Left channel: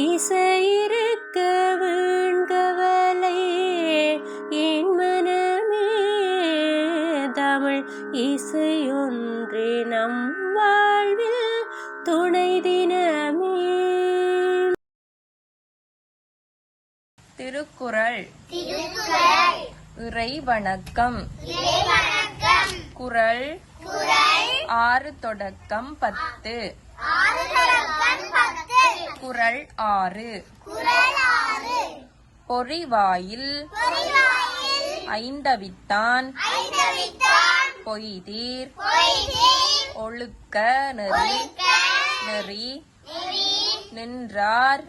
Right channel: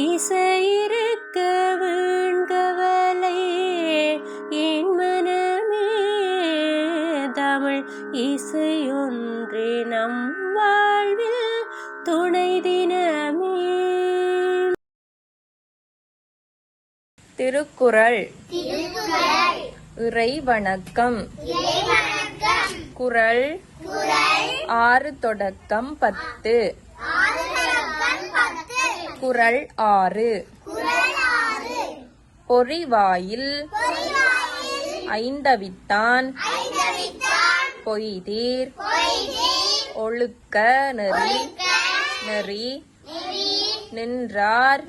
இசையிருக்க வேண்கவலை என் மனமே தமிழ் இசையொன்றே நம் வாழ்வில் துணை தினமே. திருக்குறள். இறை வணக்கம். குறள் 6 தொடக்கம் 10. குறள் 6. பொறிவாயில் ஐந்தவித்தான் பொய்தீர் ஒழுக்க நெறி நின்றார்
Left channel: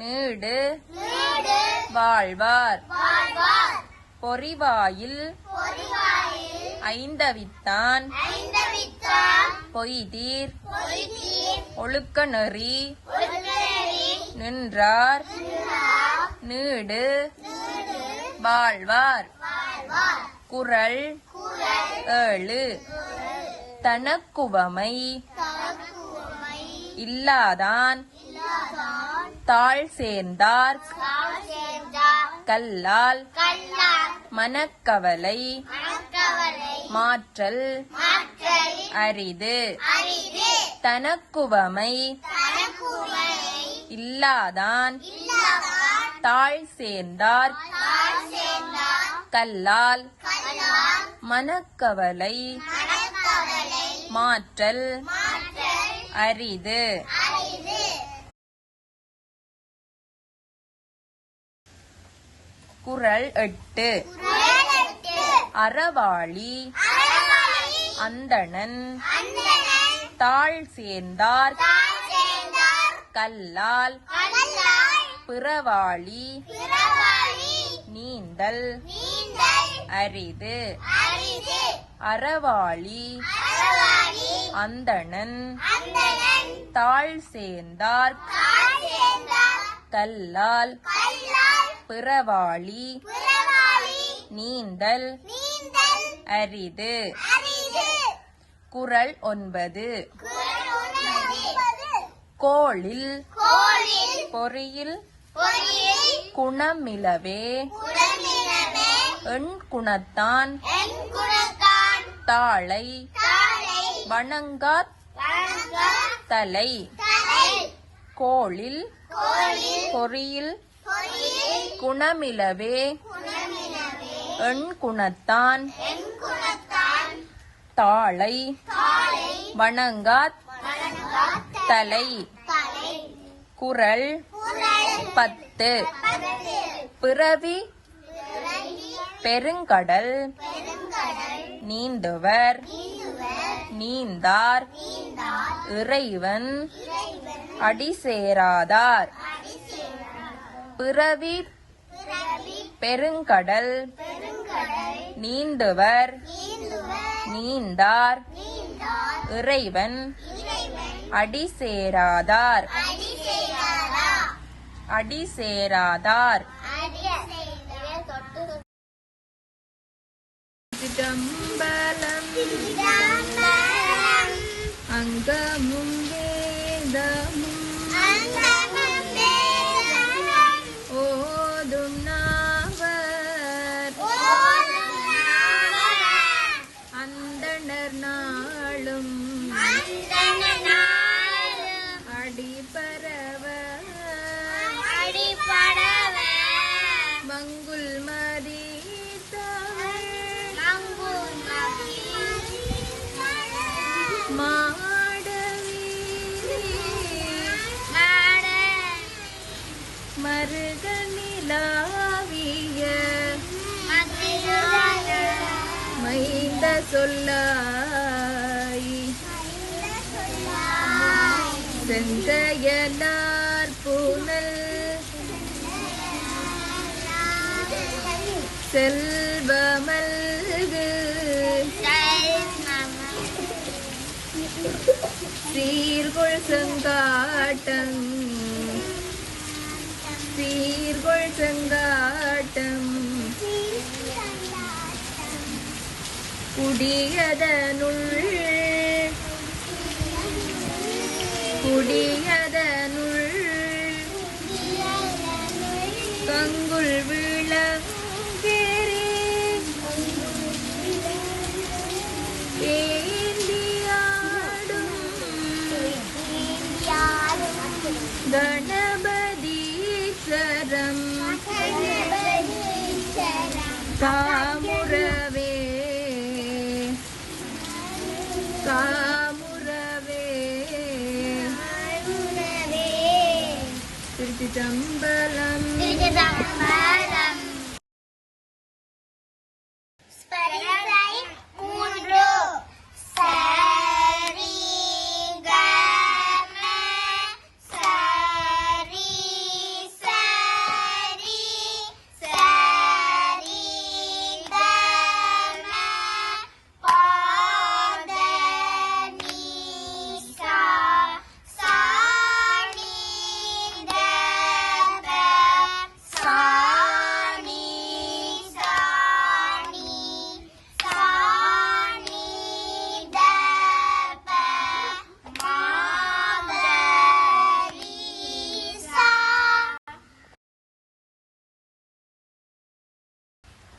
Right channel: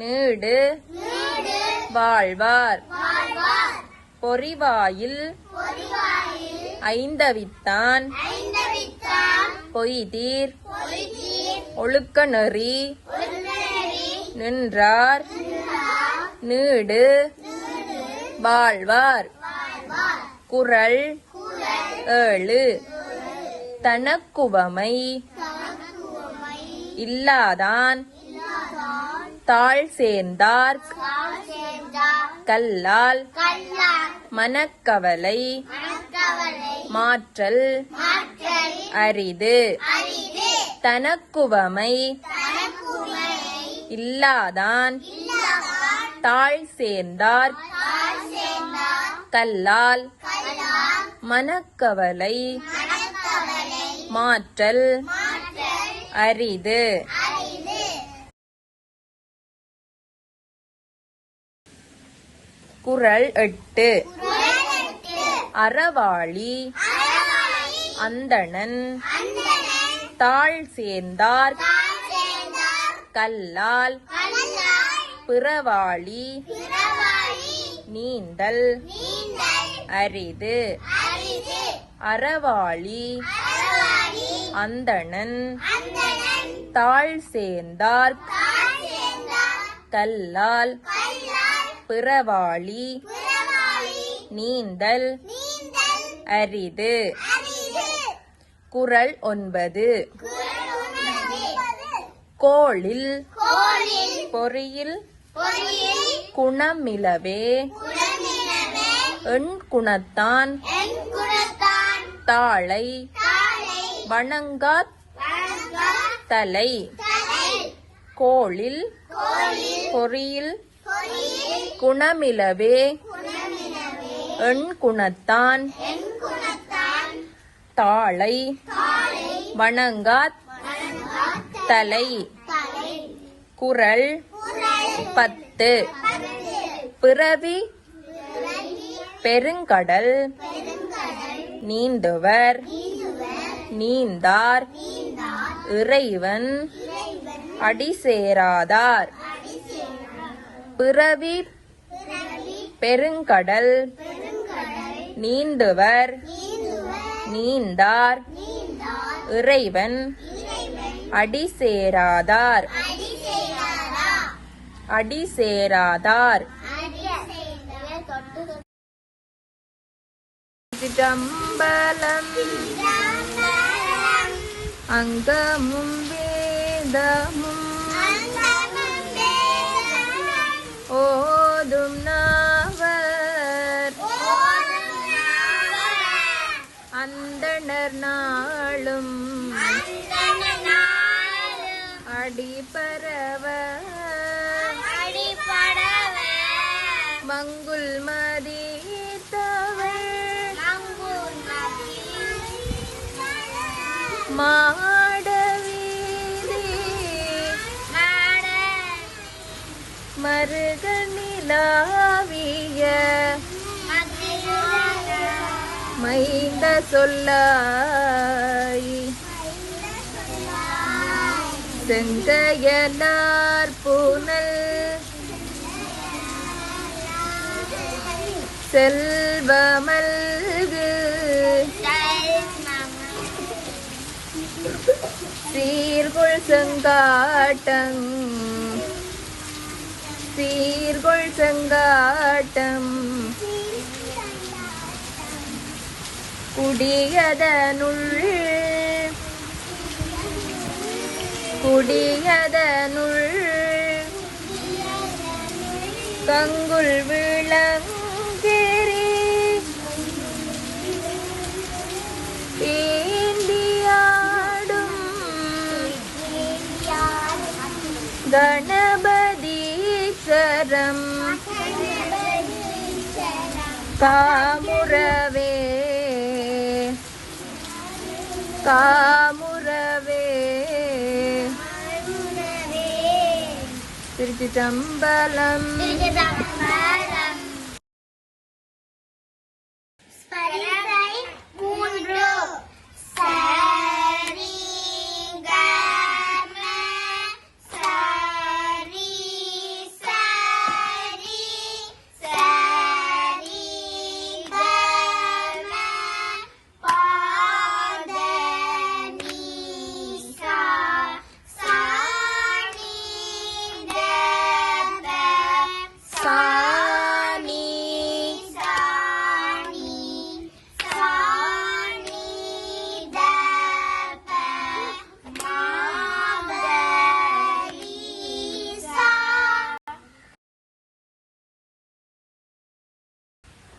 நீடு வாழ்வார். பொறிவாயில் ஐந்தவித்தான் பொய்தீர் ஒழுக்க நெறி நின்றார் நீடு வாழ்வார். குறள் 7. தனக்குவமை இல்லாதான் தாழ் சேர்ந்தார்க் கல்லால் மனக்கவலை மாற்றல் அரிது. தனக்குவமை இல்லாதான் தாழ் சேர்ந்தார் கல்லால் மனக்கவலை மாற்றல் அரிது. குறள் 8. அறவாளி அந்தணன் தாழ் சேர்ந்தார் கல்லால் பிறவாளி நீந்தல் அரிது. அறவாளி அந்தணன் தாழ் சேர்ந்தார் கல்லால் பிறவாளி நீந்தல் அரிது. குறள் 9. கோளில் பொறியில் குணமிலவே எண் குணத்தான் தாளை வணங்காத் தலை. கோளில் பொறியில் குணமிலவே எண் குணத்தான் தாளை வணங்காத் தலை. குறள் 10. பிறவி பெருங்கடல் நீந்துவர் நீந்தார் இறைவன் அடிசேராதார். பிறவி பெருங்கடல் நீந்துவர் நீந்தார் இறைவன் அடிசேராதார். அடிசேராதார். சிதம்பரம் அங்கமும் வேதமும் ஓதும் நாவர் அந்தணர் நாளும் அடிபரவ மங்குல் மதித்தவர் மாடவீதி மருக நிலாவிய மைந்த சொல்லாய் செங்கையலார் புனல் செல்வமல்கு சீர்கொள் செங்காட்டம் சீர்கொள் செங்காட்டம் குடியதனுள் கங்குல் விளங்கெரி ஏந்தியாடும் கணபதீச்சரம் காமுறவே காமுறவே திருச்சிற்றம்பலம்.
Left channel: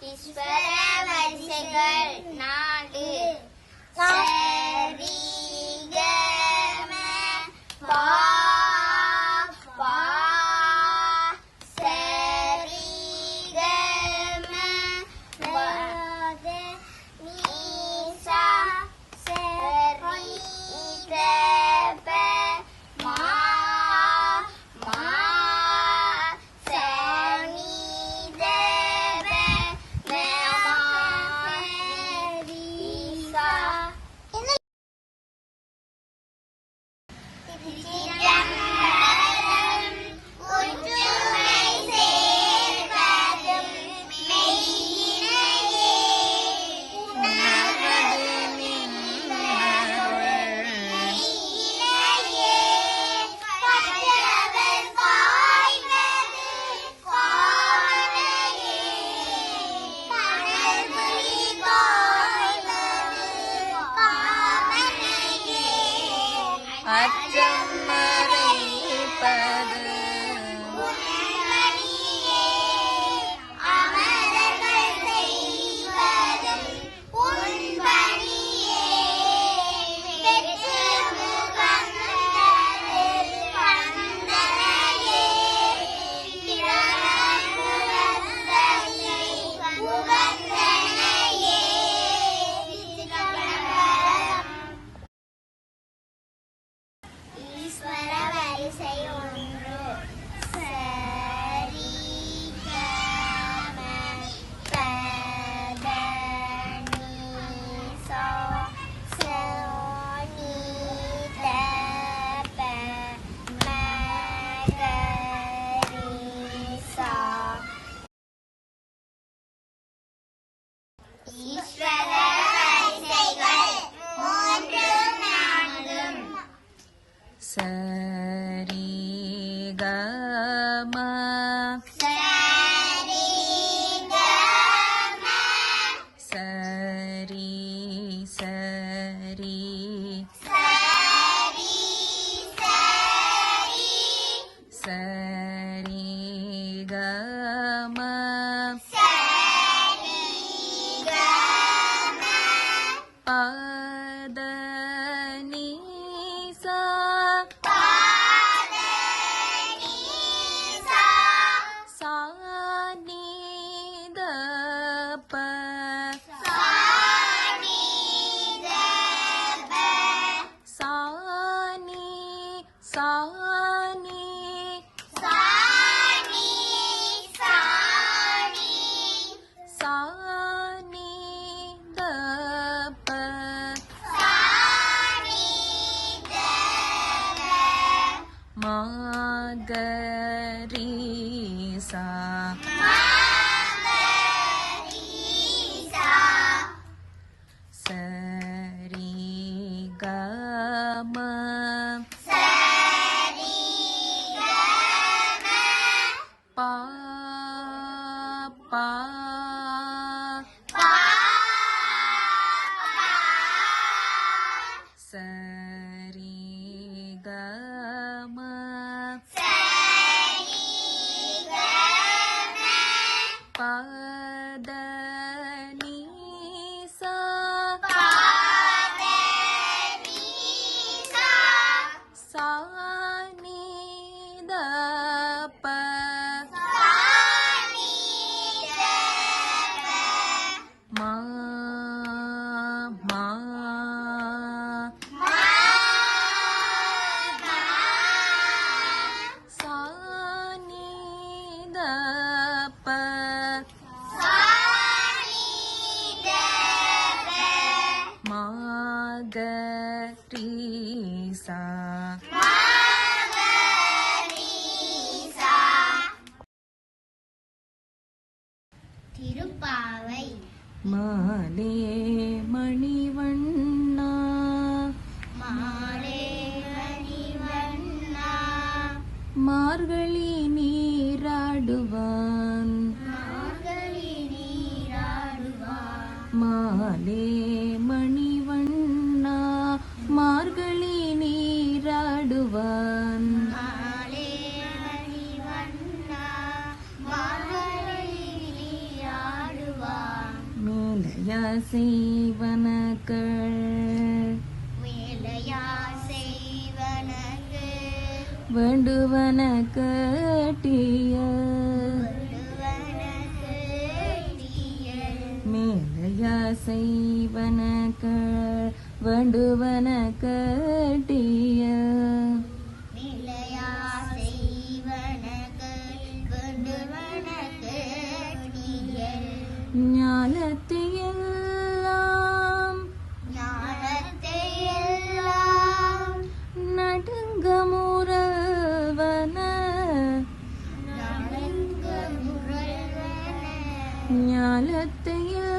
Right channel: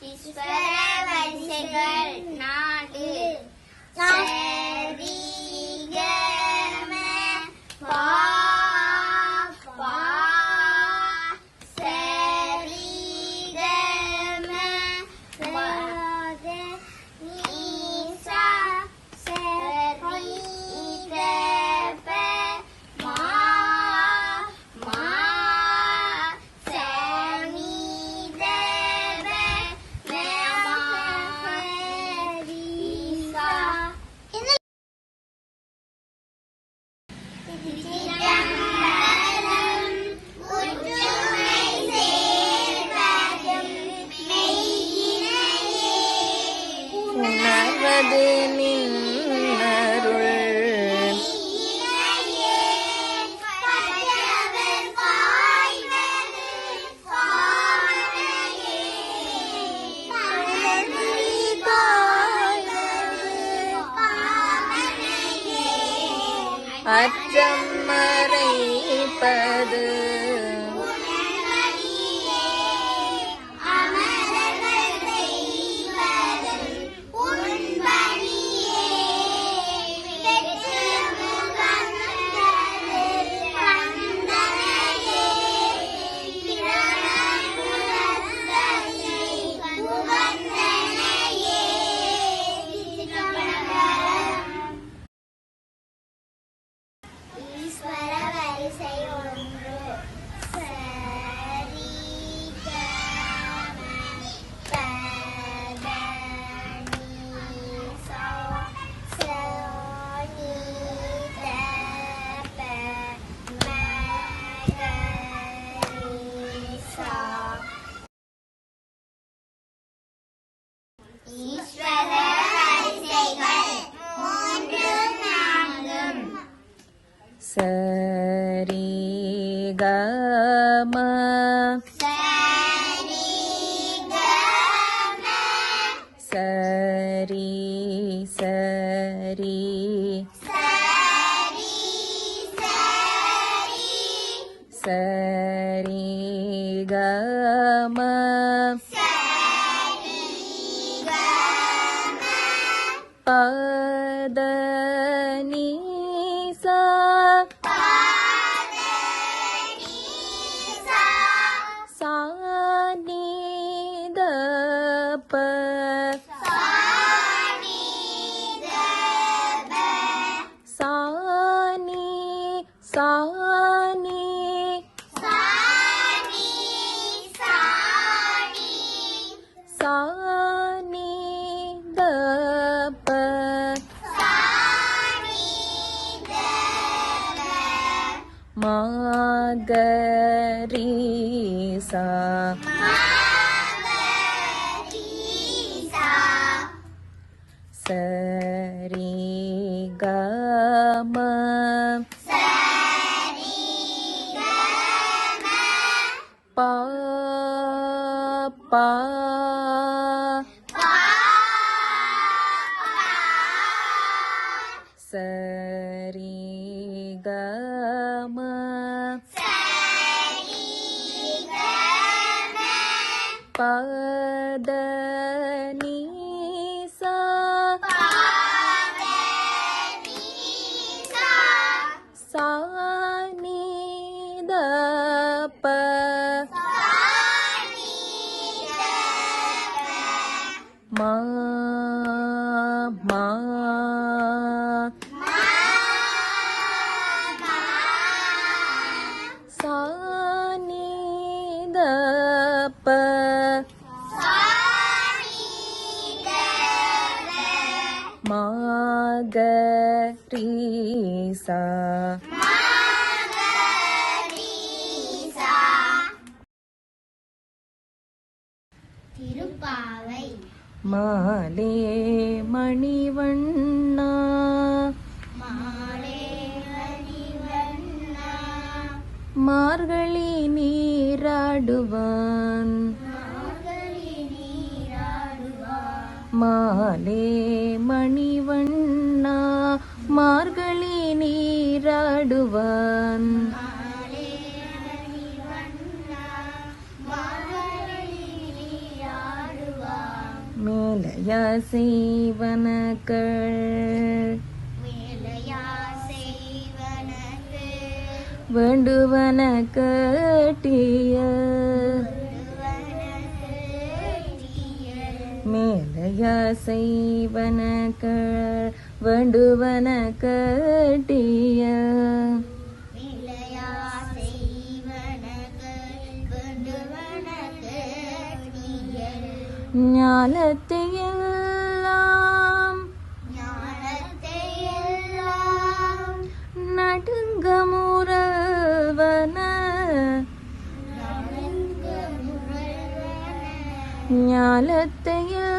ஈஸ்வர வரிசைகள் 4 சரி கம பா பா சரி கம ரக நீசா சரி தப மா மா சனி தப உணர்வது நின்னருள் அற்றம் மறைப்பது ஈஸ்வர வரிசை 1 சரி கம பத நீசா சோனி தப மகரிசா. ஈஸ்வர வரிசைகள் 3 4 சரி கம சரி கம சரி சரி சரி சரி சரி கம சரி கம பத நீசா பாத நீசா சானி தப சானி தப சானி சானி சானி சானி சானி தப சானி தப மகரிசா மகரிசா சரி கம சரி கம பா பா பா சரி கம சரி கம பத நீசா சா நீத ப மா மா சா நீத ப மா க ரீ சா திருப்பாவை மாலே மணிவண்ணா மாலே மணிவண்ணா மார்கழி நீராடுவான் மார்கழி நீராடுவார் மாலே மணிவண்ணா மார்கழி நீராடுவான் மாலே மணிவண்ணா மார்கழி நீராடுவார் மேலையா செய்வனக்கள் வேலையா செய்வனக்கு வேண்டுவன கேட்டிய விடுவனக்கு தீயல் மேலையா செய்வனக்கள் வேண்டுவன கேட்டிய நிலையா செய்வனக்கு கொண்டுவனக்கு தீயல் ஞானத்தையெல்லாம் ஞானத்தை எல்லாம் நடுங்க முறவன நடுங்கு முரல்வன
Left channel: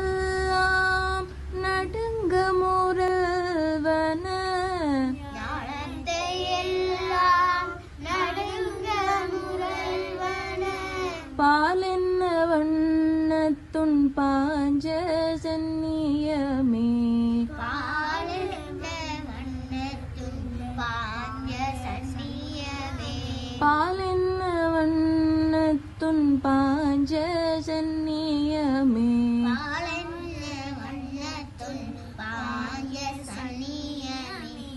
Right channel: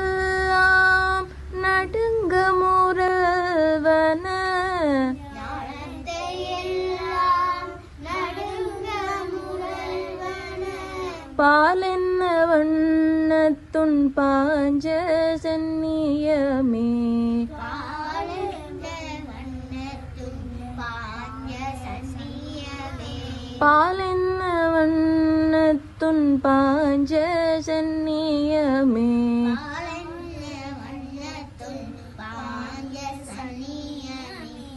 ஞானத்தையெல்லாம் நடுங்க முறவன ஞானத்தை எல்லாம் நடுங்க முரல்வன பாலென்ன வண்ணத்துன் பாஞ்ச சந்நியமே பாலிருந்த வண்ணத்தும் பாஞ்ச சன்னியமே பாலென்ன வண்ணத்துன் பாஞ்ச சந்நியமே பாலென்ன வண்ணத்தும் பாஞ்ச சன்னியமே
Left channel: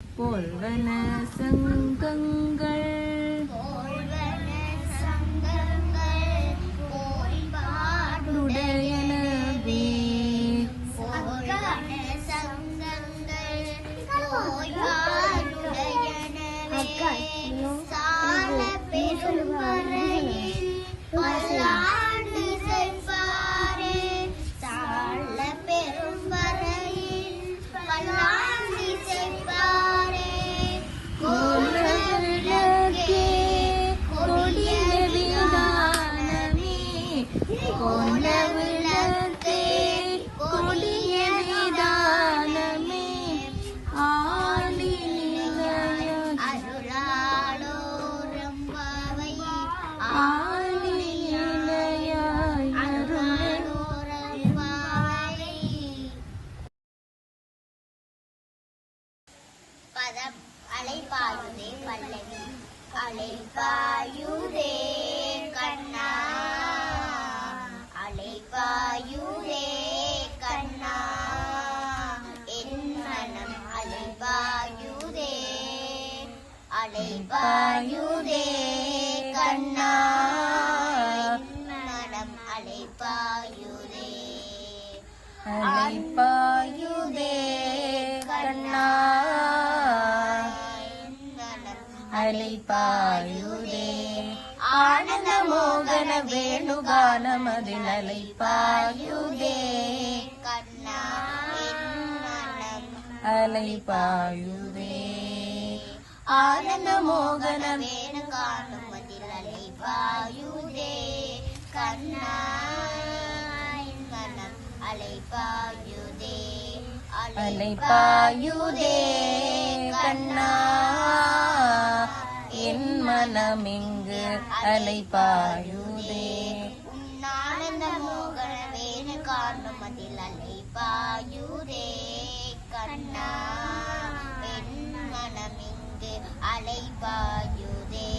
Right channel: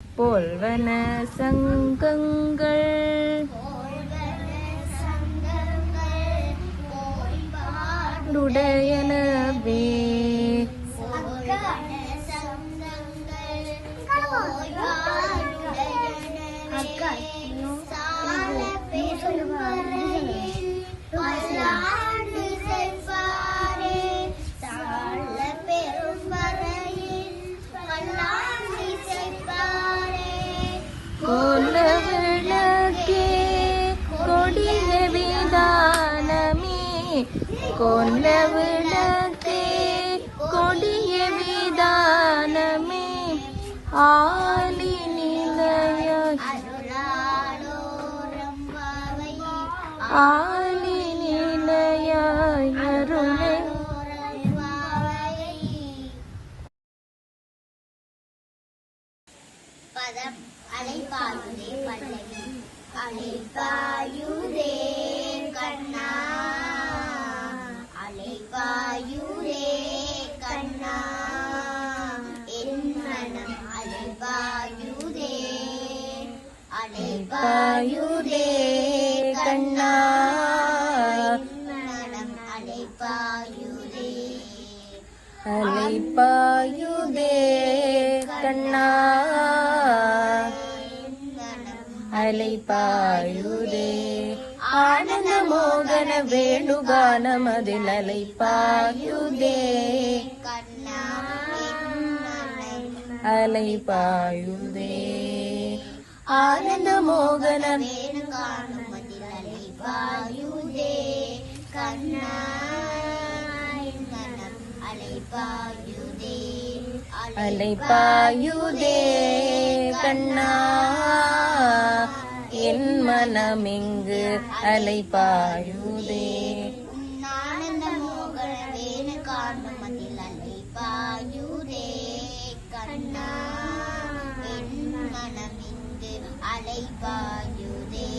போல்வன சங்கங்கள் போல்வன சங்கங்கள் போய்பாடுடைய உடையனவே போல்வன சங்கங்கள் போய்பாடுடையனவே சால பெருமறையில் பல்லாண்டு செல்வாரே சால பெருமறையில் பல்லாண்டு செல்வாரே கோல விளக்கே கொடிய விதானமே கோல விளக்கே கொடிய விதானமே ஆடி நிலைய அருளாளோரம்பாவை ஆடி நிலையாய் அருளே அருளாளோரம்பாவை பதம் அலைபாயுதே பல்லவி அலைபாயுதே கண்ணா அலைபாயுதே கண்ணா என் மனம் அலைபாயுதே அலைபாயுதே கண்ணா மனம் அலைபாயுதே அலைப்பாயுதே கண்ணா அலைப்பாயுதே ஆனந்த மோகன வேணுகானமதில் அலைப்பாயுதே கண்ணா அலைப்பாயுதே ஆனந்த மோகன வேணு காணும் மதிலை பாயுதே கண்ணா மனம் அலைபாயுதே அலைப்பாயுதே கண்ணா என் மனமிங்கு அலைப்பாயுதே ஆனந்த மோகன வேணு காணும் மதிலை பாயுதே கண்ணா என் மனமிங்கு அலைபாயுதே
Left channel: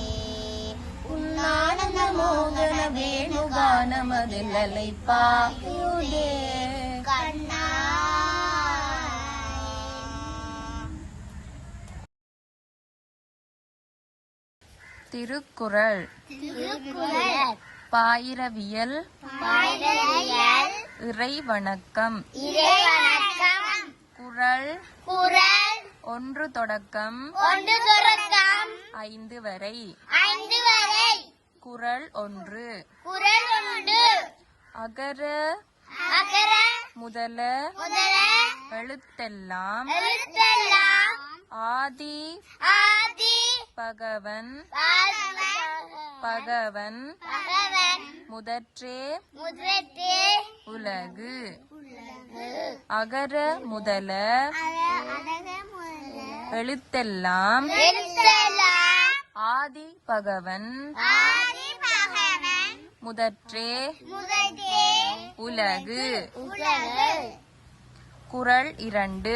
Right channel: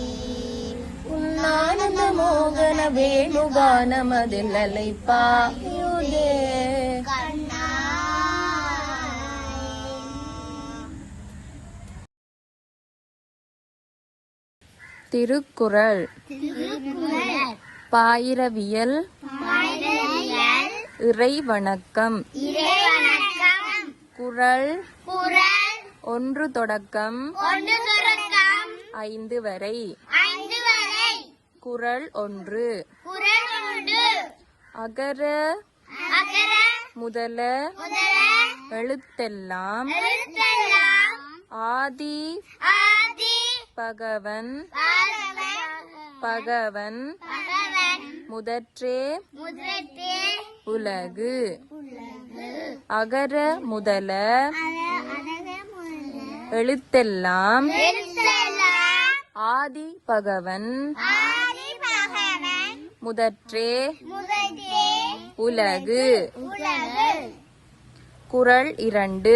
மோகன வேணுகானமதில் அலைப்பாயுதே. திருக்குறள். பாயிரவியல். இறை வணக்கம். குறள் 1 தொடக்கம் 5 வரை. குறள் 1. அகர முதல எழுத்தெல்லாம் ஆதி பகவன் பகவன் முதற்றே உலகு. அகர முதல எழுத்தெல்லாம் ஆதி பகவன் முதற்றே உலகு. குறள் 2.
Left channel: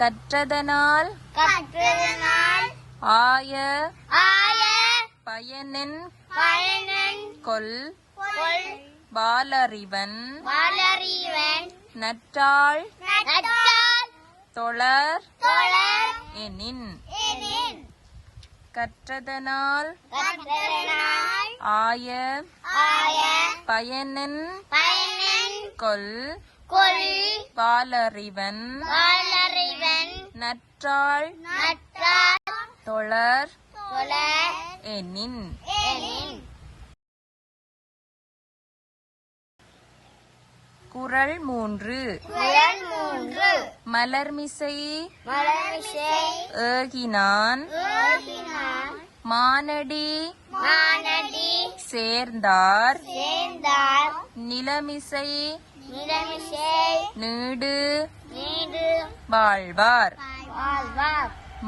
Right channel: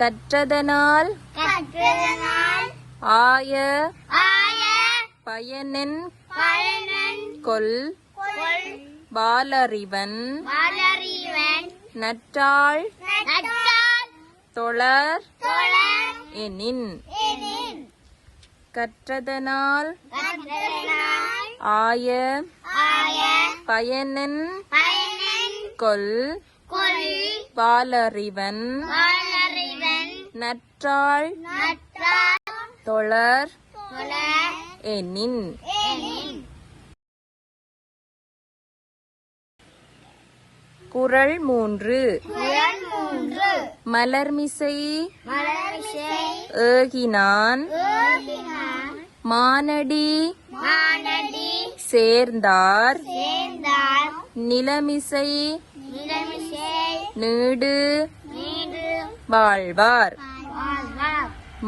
கற்றதனால் ஆய பயனென் கொல் வாலறிவன் நற்றாள் தொழர் எனின். கற்றதனால் ஆய பயனென் கொல் வாலறிவன் நற்றாள் தொழர் எனின். குறள் 3. மலர்மிசை ஏகினான் மானடி சேர்ந்தார் நிலமிசை நீடு வாழ்வார்.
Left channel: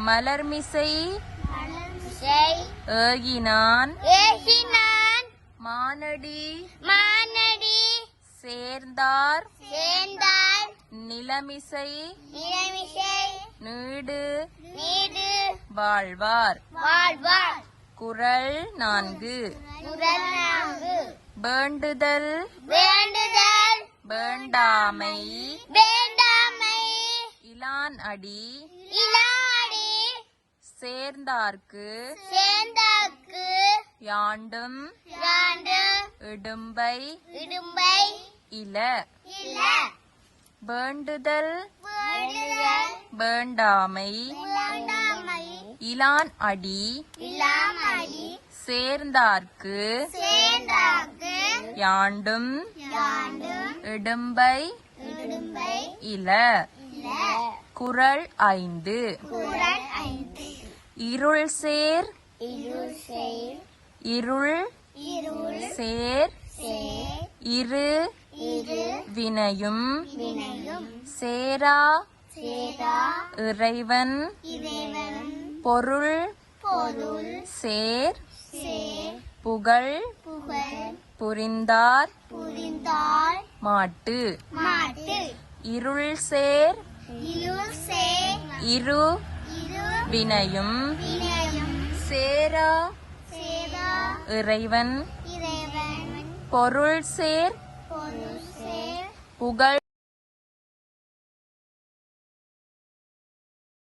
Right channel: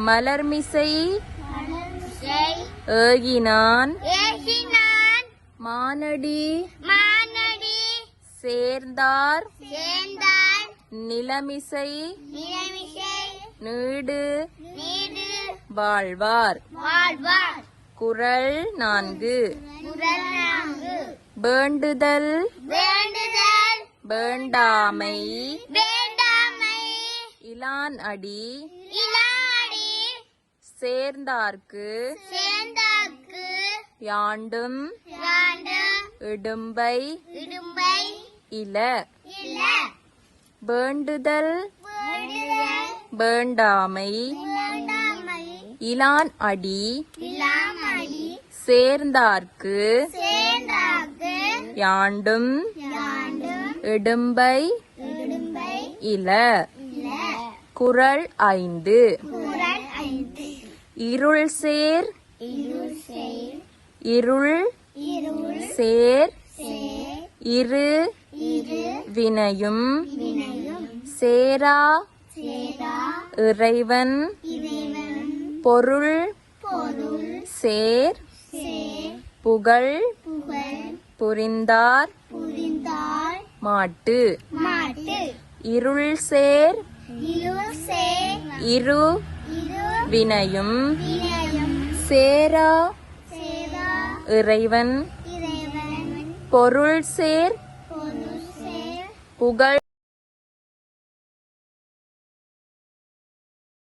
மலர்மிசை ஏகினான் மானடி சேர்ந்தார் நிலமிசை நீடு வாழ்வார். குறள் 4. வேண்டுதல் வேண்டாமை இலான் அடி சேர்ந்தார்க்கு யாண்டும் இடும்பை இல. வேண்டுதல் வேண்டாமை இலான் அடி சேர்ந்தார்க்கு யாண்டும் இடும்பை இல. குறள் 5. இருள் சேர் இருள் சேர் இரு வினையும் சேரா இறைவன் பொருள் சேர் புகழ் புரிந்தார் மாட்டு. இருள் சேர் இரு வினையும் சேரா இறைவன் பொருள் சேர் புகழ்